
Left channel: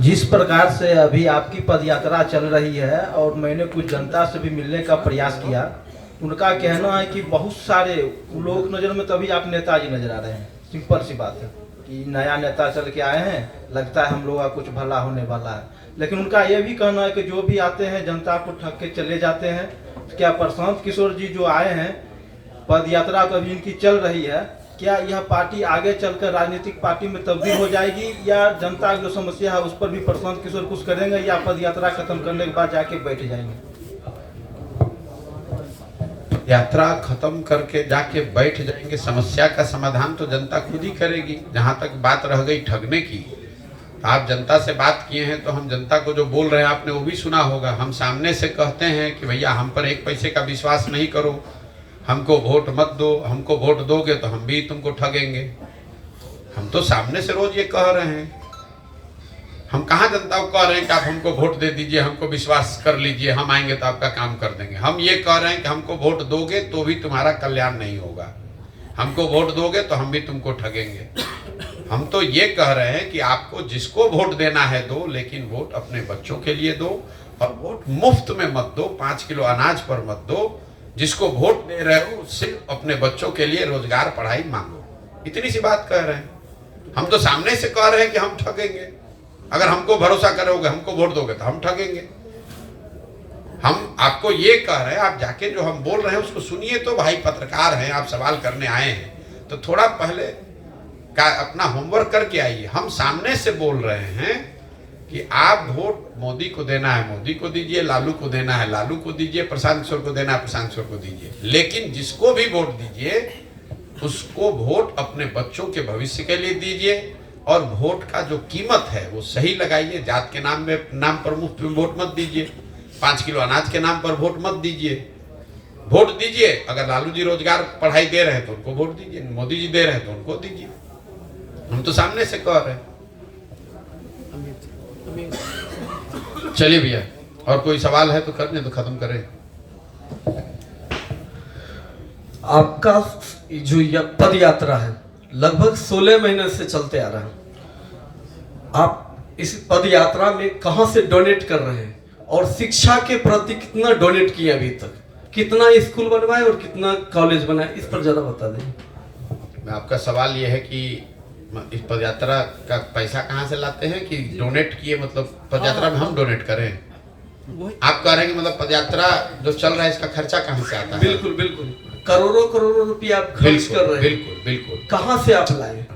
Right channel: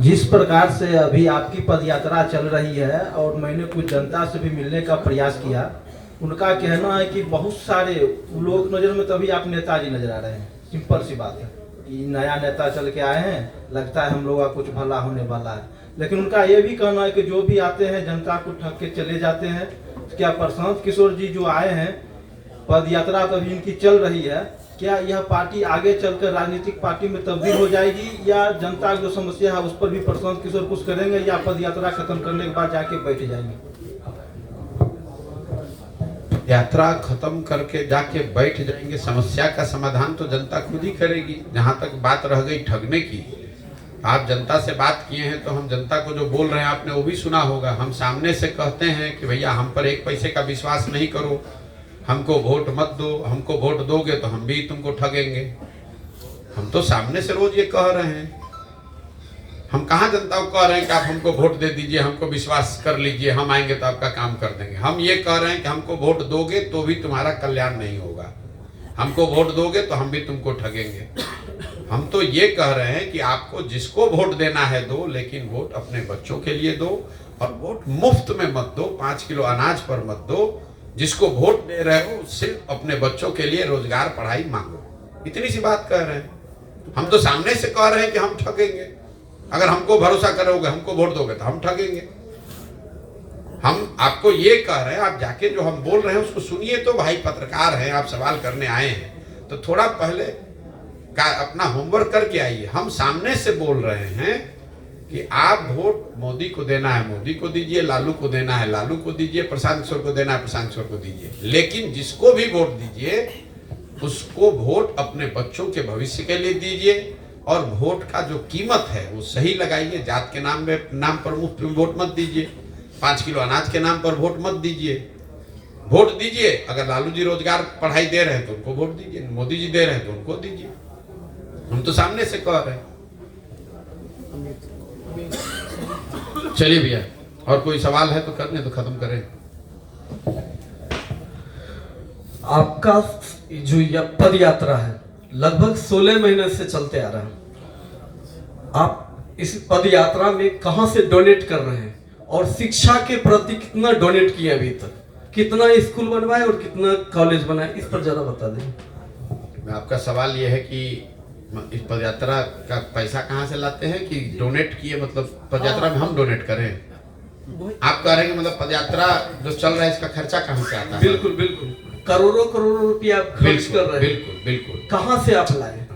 जिस प्रकार से अभी आपकी पदयात्रा चल रही है और मैंने कुछ जनता से भी मिलने का प्रयास किया, उनका कहना है कि बहुत सारे लोग नज़र में तो अभी आप नेताजी नजर आ रहे हैं। सिंपल सी बात है कि नया नेता चल के आए हैं, लगता है हम लोगों का कुछ भला होने वाला है। लेकिन उनका ये भी कहना है कि जो भी आते हैं जनता को ठग के चले जाते हैं। क्या प्रशांत किशोर जी जो आए हैं, पदयात्रा तो अभी इनकी चल रही है, क्या यह पार्टी आगे चलकर राजनीतिक पार्टी में तब्दील हो जाएगी, या जनता की जो समस्या है उस पर भी प्रशांत किशोर कुछ करेंगे, या पदयात्रा खत्म करने के बाद जाके बैठ जाएंगे? यात्रा खत्म करके जाके बैठ जाएंगे, समस्या का समाधान तो जनता खुद ही करेगी। जहां तक बात रह गई ठगने की, आप जनता से बात किए हैं तो हम जनता को जो बोल रहे हैं आपने वो भी सुना होगा। हम सामने से कहते हैं कि भैया हम पर 1 पैसे का विश्वास नहीं करो, हमको वोट मत दो, हमको वोट दोगे तो हम भी तुमको ठगेंगे। हम तो सामने से रोज ये कह रहे हैं। हम कहाँ जनता को कह रहे हैं कि आप हमको वोट दे दीजिए, हमको विश्वास कर लीजिए, हम आएंगे तो आपका काम कर देंगे। हम ये कह रहे हैं कि हमको वोट दोगे तो भी तुम्हारा कल्याण नहीं होगा, हमको वोट दोगे तो हम भी तुमको ठगेंगे। हम तो ये कह रहे हैं कि आपको जिसको वोट देना है दो, लेकिन वोट अपने बच्चों के लिए दो, और वोट मुफ्त में मत दो, 5 किलो अनाज पर मत दो। जिसको वोट दे रहे हो सिर्फ अपने बच्चों के लिए रोजगार पढ़ाई मांगो। इतनी सी बात कह रहे हैं। हम तो सामने से कह रहे हैं कि हम ठगेंगे। अगर हमको भरोसा करोगे, हमको वोट दोगे तो हम ठगेंगे। हम आपको ये कह रहे हैं, आप जाके जो हम बोल रहे हैं उसको सुनिए तो। भाई पत्रकार हैं, आप सवाल करने आए हैं तो थोड़ा पहले का अपना होमवर्क करके आइए। हम सामने से बोल रहे हैं कि आप वोट मोदी को देना है मोदी को दीजिए, लालू को देना है लालू को दीजिए, प्रशांत किशोर को देना है प्रशांत किशोर को दीजिए। लेकिन जिसको भी वोट दीजिए उसको वोट अपने बच्चों के भविष्य के लिए दीजिए, और वोट का जो कीमत है वो सही लगाइए। जात के नाम पर मुफ्त में वोट मत दीजिए, 5 किलो अनाज के नाम पर वोट मत दीजिए। वोट दीजिए, अगर लालू जी रोजगार पढ़ाई दे रहे हैं तो उनको वोट दीजिए, मोदी जी दे रहे हैं तो उनको दीजिए। हम तो सामने से कह रहे हैं। चलिए भैया, और कोई सवाल है तो करने तो खत्म करें। आपका जो पद यात्रा है लगभग 16 महीने से चलते आ रहा है। आप इस पद यात्रा में कहां से डोनेट कर रहे हैं, और शिक्षा के प्रति कितना डोनेट किया अभी तक, कितना स्कूल बनवाए और कितना कॉलेज बनाए, इस पर जरा बता दें। मैं आपका सवाल ये है कि इस पदयात्रा का पैसा कहाँ से लाते हैं, कि डोनेट किए, मतलब पदयात्रा में हम डोनेट करें? आप कह रहे हैं कि मतलब पदयात्रा जो चल रहा है इसका खर्चा कहाँ से आता है? बिल्कुल बिल्कुल, करोड़ों करोड़ों रुपया आप खर्च कर रहे हैं। बिल्कुल बिल्कुल। कहाँ से आप लाए?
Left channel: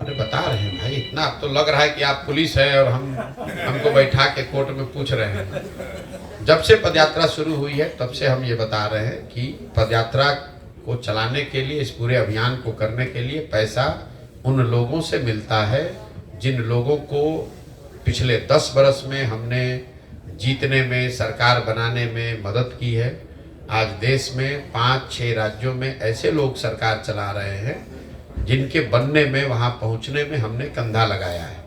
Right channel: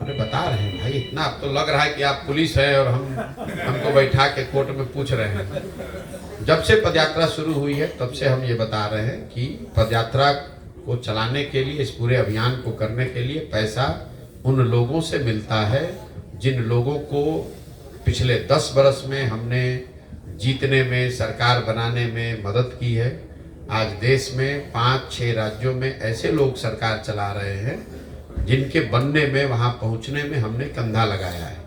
अरे बता रहे हैं भाई, इतना अब तो लग रहा है कि आप पुलिस है और हमको बैठा के कोर्ट में पूछ रहे हैं। जब से पदयात्रा शुरू हुई है तब से हम ये बता रहे हैं कि पदयात्रा को चलाने के लिए, इस पूरे अभियान को करने के लिए पैसा उन लोगों से मिलता है जिन लोगों को पिछले 10 बरस में हमने जीतने में, सरकार बनाने में मदद की है। आज देश में 5-6 राज्यों में ऐसे लोग सरकार चला रहे हैं जिनके बनने में, वहाँ पहुँचने में हमने कंधा लगाया है।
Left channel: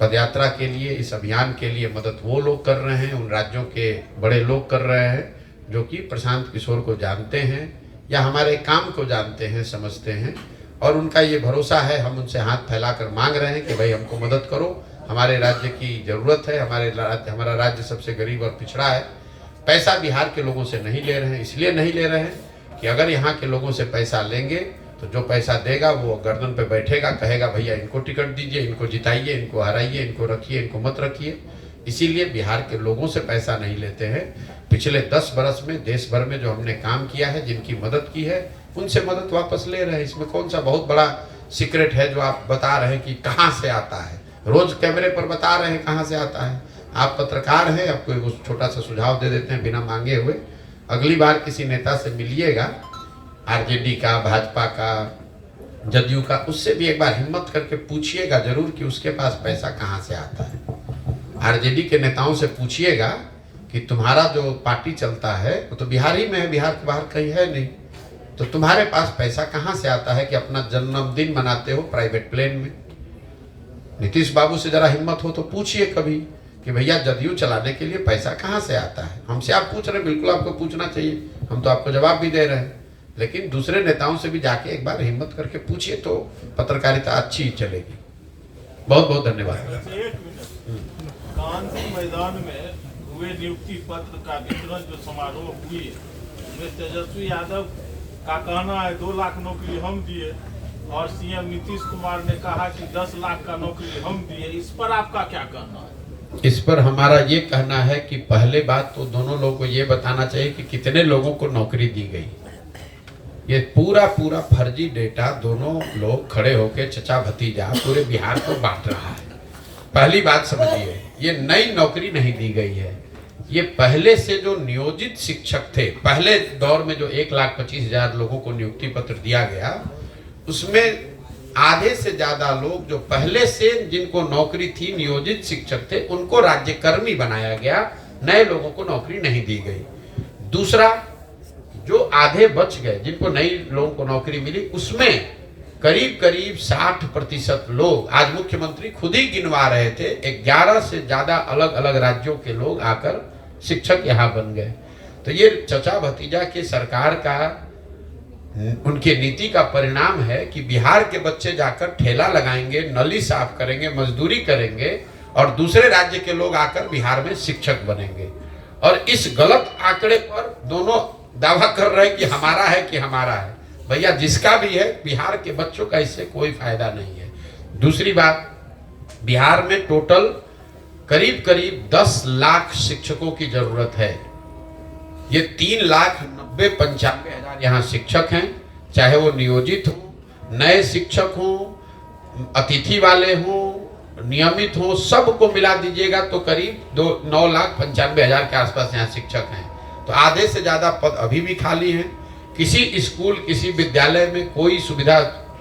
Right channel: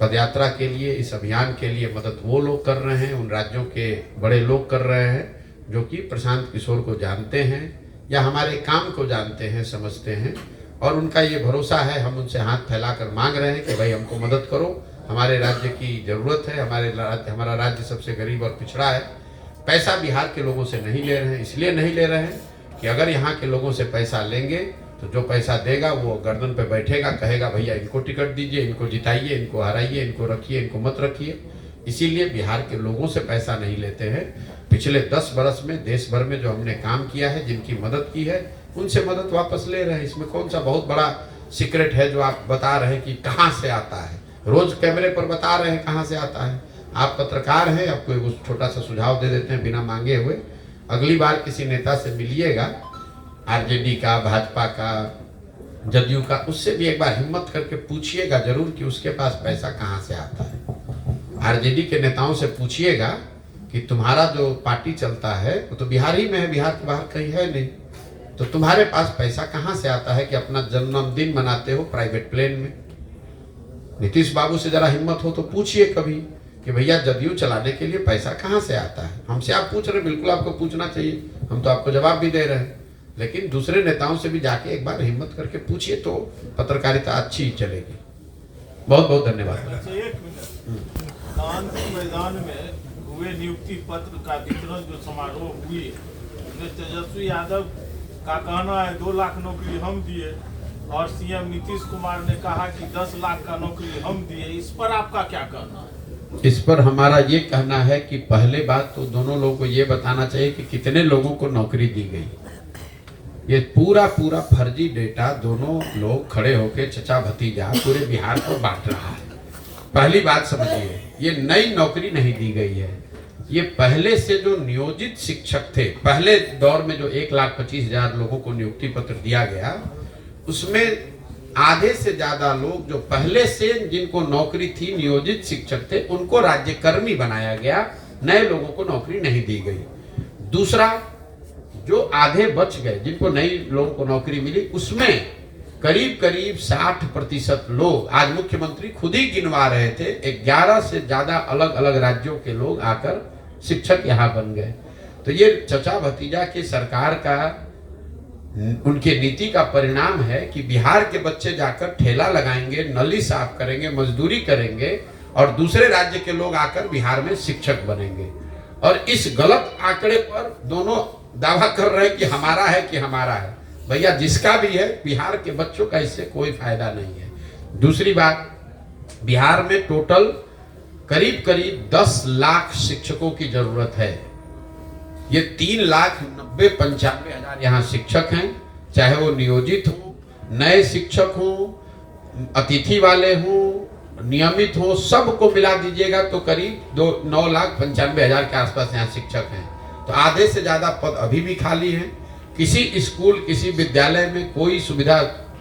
पदयात्रा के लिए, इस अभियान के लिए मदद वो लोग कर रहे हैं, उन राज्यों के बड़े लोग कर रहे हैं जो कि प्रशांत किशोर को जानते हैं या हमारे काम को जानते हैं, समझते हैं, और उनका ये भरोसा है। हम उनसे हाथ फैलाकर मांग रहे हैं कि भाई हमको मदद करो, हमारे राज्य की ज़रूरत है, हमारा राज्य सबसे गरीब और पिछड़ा है। पैसा बिहार के लोगों से नहीं ले रहे हैं, इसलिए नहीं ले रहे हैं कि अगर यहाँ के लोगों से पैसा लेंगे तो जो पैसा देगा वो गर्दन पे बैठेगा, कहेगा भैया इनको टिकट दीजिए, इनको जिताइए, इनको हराइए, इनको रखिए, इनको मत रखिए। इसीलिए बिहार के लोगों से पैसा नहीं लेते हैं। पिछले 10 बरस में देश भर में जो हमने काम किया है, जिनकी मदद की है, उनसे मदद वापस ले रहे हैं। इसमें कौन सा बहुत बड़ा सीक्रेट है जो आप बता रहे हैं कि कहाँ से आता है? रोज कैमरे पर बता रहे हैं कहाँ से आता है। आप पत्रकार हैं, आपको एक छोटा सा सुझाव दे देते हैं बिना मांगे हुए। अगली बार किसी नेता से मिलिएगा, आरजेडी का, भाजपा का, जदयू का, उससे भी एक बार हिम्मत करके पूछिएगा जरूर कि उसके पास पैसा कहाँ से आता है। आरजेडी के नेताओं से पूछिएगा कि तुम्हारा जो पार्टी चलता है वो तो बिहार ही में है, बिहार के बाहर कहीं है नहीं, तो तुम्हारे पास पैसा कहाँ से आता है कि अपना जन्मदिन मनाते हो प्राइवेट प्लेन में? नीतीश बाबू से जरा हिम्मत हो तो पूछिए कभी कि भैया जदयू चलाने के लिए पैसा कहाँ से आता है। हमसे आप पूछ रहे हैं, बिल्कुल आपको पूछना चाहिए, हम तो आपको जवाब भी दे रहे हैं, लेकिन दूसरे नेताओं से भी जाके एक बार हिम्मत करके पूछिए तो पत्रकारिता अच्छी चलेगी। बहुत बहुत धन्यवाद। गांधी मैदान में हुए नियुक्ति पत्र का वितरण जो समारोह हुई, उसमें तेजस्वी यादव का कहना है 2 लाख नौकरी हम दिए और सीएम नीतीश कुमार ने कहा कि 10 लाख का नौकरी हम दिए। इस पर आपका क्या कहना है? इस पर हमारा ये कहना है कि पहले बात तो दोनों लोगों को ये बताना चाहिए कि कितने लोगों को नौकरी दी गई। ये पूरा फर्जी डेटा दोनों लोग खड़े होकर चचा भतीजा पूरे बिहार को बांट रहा है। पहली बात समझिए, ये नई नौकरी नहीं दी गई है। ये पहले से जो नियोजित शिक्षक थे, पहले दौर में जो 1,25,000 लोगों को नियुक्ति पत्र दिया गया, उसमें आधे से ज्यादा लोग जो पहले से जिनको नौकरी थी, नियोजित शिक्षक थे, उनको राज्यकर्मी बनाया गया, नए लोगों को नौकरी नहीं दी गई। दूसरा, जो आधे बच गए जिनको नई लोगों को नौकरी मिली, उसमें करीब 60% लोग, आज मुख्यमंत्री खुद ही गिनवा रहे थे, 11 से ज्यादा अलग अलग राज्यों के लोग आकर शिक्षक यहाँ बन गए। तो ये चचा भतीजा की सरकार का, उनके नीति का परिणाम है कि बिहार के बच्चे जाकर ठेला लगाएंगे, नली साफ करेंगे, मजदूरी करेंगे और दूसरे राज्य के लोग आकर बिहार में शिक्षक बनेंगे। और इस गलत आंकड़े पर दोनों दावा कर रहे हैं कि हमारा है कि हमारा है। भैया जिसका भी है, बिहार के बच्चों का इससे कोई फायदा नहीं है। दूसरी बात, बिहार में टोटल करीब 10 लाख शिक्षकों की जरूरत है। ये 3,90,95,000 यहाँ शिक्षक हैं, चाहे वो नियोजित हो, नए शिक्षक हो, अतिथि वाले हो, नियमित हो, सबको मिला दीजिएगा तो करीब 9,95,000 के आसपास यहाँ शिक्षक हैं। तो आधे से ज्यादा पद अभी भी खाली हैं। किसी स्कूल, किसी विद्यालय में कोई सुविधा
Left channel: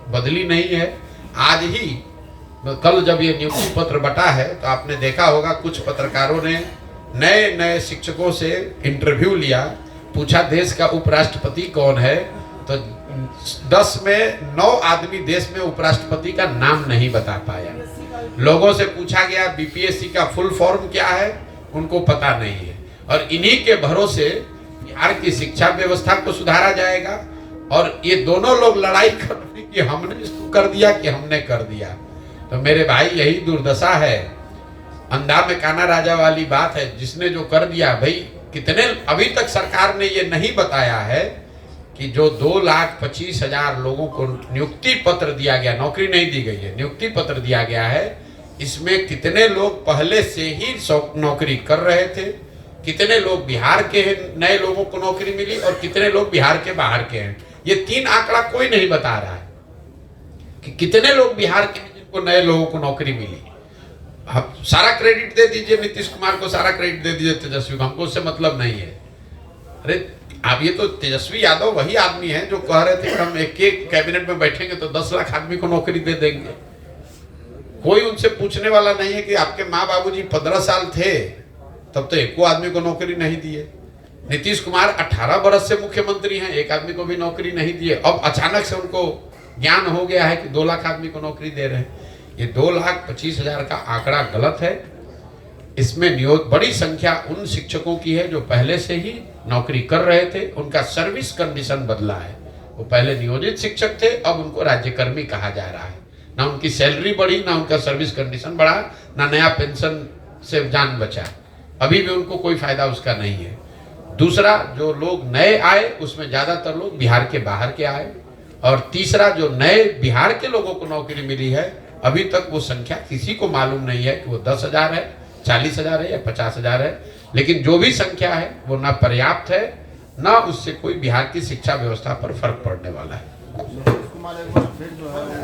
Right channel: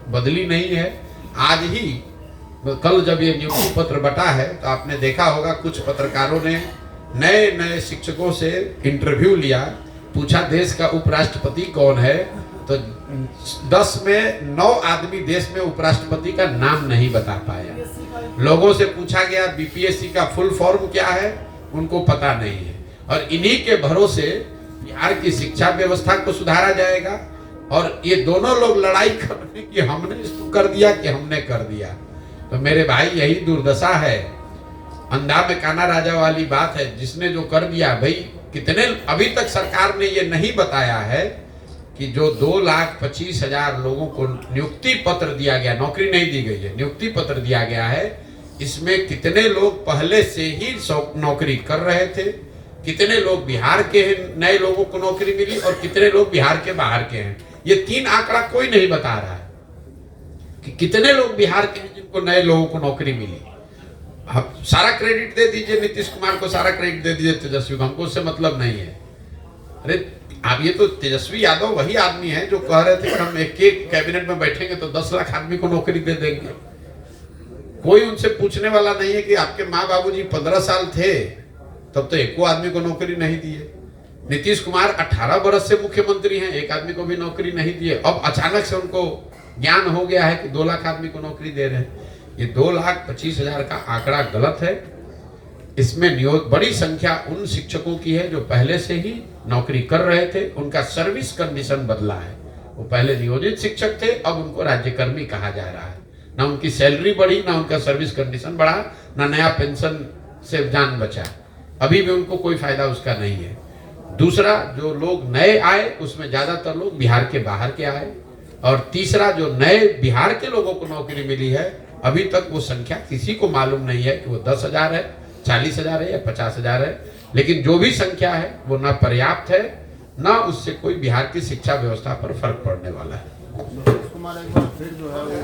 बदली नहीं है। आज ही कल जब ये नियुक्ति पत्र बटा है तो आपने देखा होगा, कुछ पत्रकारों ने नए शिक्षकों से इंटरव्यू लिया, पूछा देश का उपराष्ट्रपति कौन है, तो 10 में 9 आदमी देश में उपराष्ट्रपति का नाम नहीं बता पाया। लोगों से पूछा गया बीपीएससी का फुल फॉर्म क्या है, उनको पता नहीं है। और इन्हीं के भरोसे बिहार की शिक्षा व्यवस्था को सुधारा जाएगा। और ये दोनों लोग लड़ाई कर रहे हैं कि हमने इसको कर दिया कि हमने कर दिया। तो मेरे भाई, यही दुर्दशा है, अंधा में काना राजा वाली बात है। जिसने जो कर दिया, भाई कितने, अभी तक सरकार ने ये नहीं बताया है कि जो 2,25,000 लोगों को नियुक्ति पत्र दिया गया, नौकरी नहीं दी गई है, नियुक्ति पत्र दिया गया है, इसमें कितने लोग पहले से ही नौकरी कर रहे थे, कितने लोग बिहार के नए लोगों को नौकरी मिली और कितने लोग बिहार के बाहर के हैं। ये 3 आंकड़ा कोई नहीं बता रहा है कि कितने लोग बिहार के हैं जिनको नए लोगों को नौकरी मिली। आप सारा क्रेडिट दे दीजिए नीतीश कुमार को, सारा क्रेडिट दे दीजिए तेजस्वी को, हमको उससे मतलब नहीं है। अरे आप ये तो तेजस्वी यादव वही आदमी है जो कह रहे थे कि हम एक कैबिनेट में बैठेंगे तो 10 लाख आदमी को नौकरी दे देंगे। कोई उनसे पूछने वाला नहीं है कि आपके माँ बाबूजी 15 साल थे तब तो एक आदमी को नौकरी नहीं दिए। नीतीश कुमार 18 बरस से मुख्यमंत्री हैं, एक आदमी को भी नौकरी नहीं दिए। अब अचानक से उनको ज्ञान हो गया है कि 2 लाख आदमी को नौकरी दे रहे हैं। ये 2,25,000 का आंकड़ा गलत है। इसमें बड़ी संख्या उन शिक्षकों की है जो पहले से ही नौकरी कर रहे थे, उनका सर्विस कंडीशन बदला है। वो पहले नियोजित शिक्षक थे, अब उनको राज्यकर्मी कहा जा रहा है। ना उनकी सैलरी बढ़ी, ना उनका सर्विस कंडीशन बढ़ा, ना नया पेंशन से जान बचा। अभी भी उनको कोई फायदा उसका नहीं है। दूसरा, जो लोग नए आए उसमें ज्यादातर लोग बिहार के बाहर के आए। और तीसरा, जो नए बिहार के लोगों को नौकरी मिली है, अभी तक वो संख्या किसी को मालूम नहीं है कि वो 10,000 है, 40,000 है या 50,000 है। लेकिन जो भी संख्या है वो ना पर्याप्त है, ना उससे कोई बिहार की शिक्षा व्यवस्था पर फर्क पड़ने वाला है। कुमार एक बार फिर जो है वो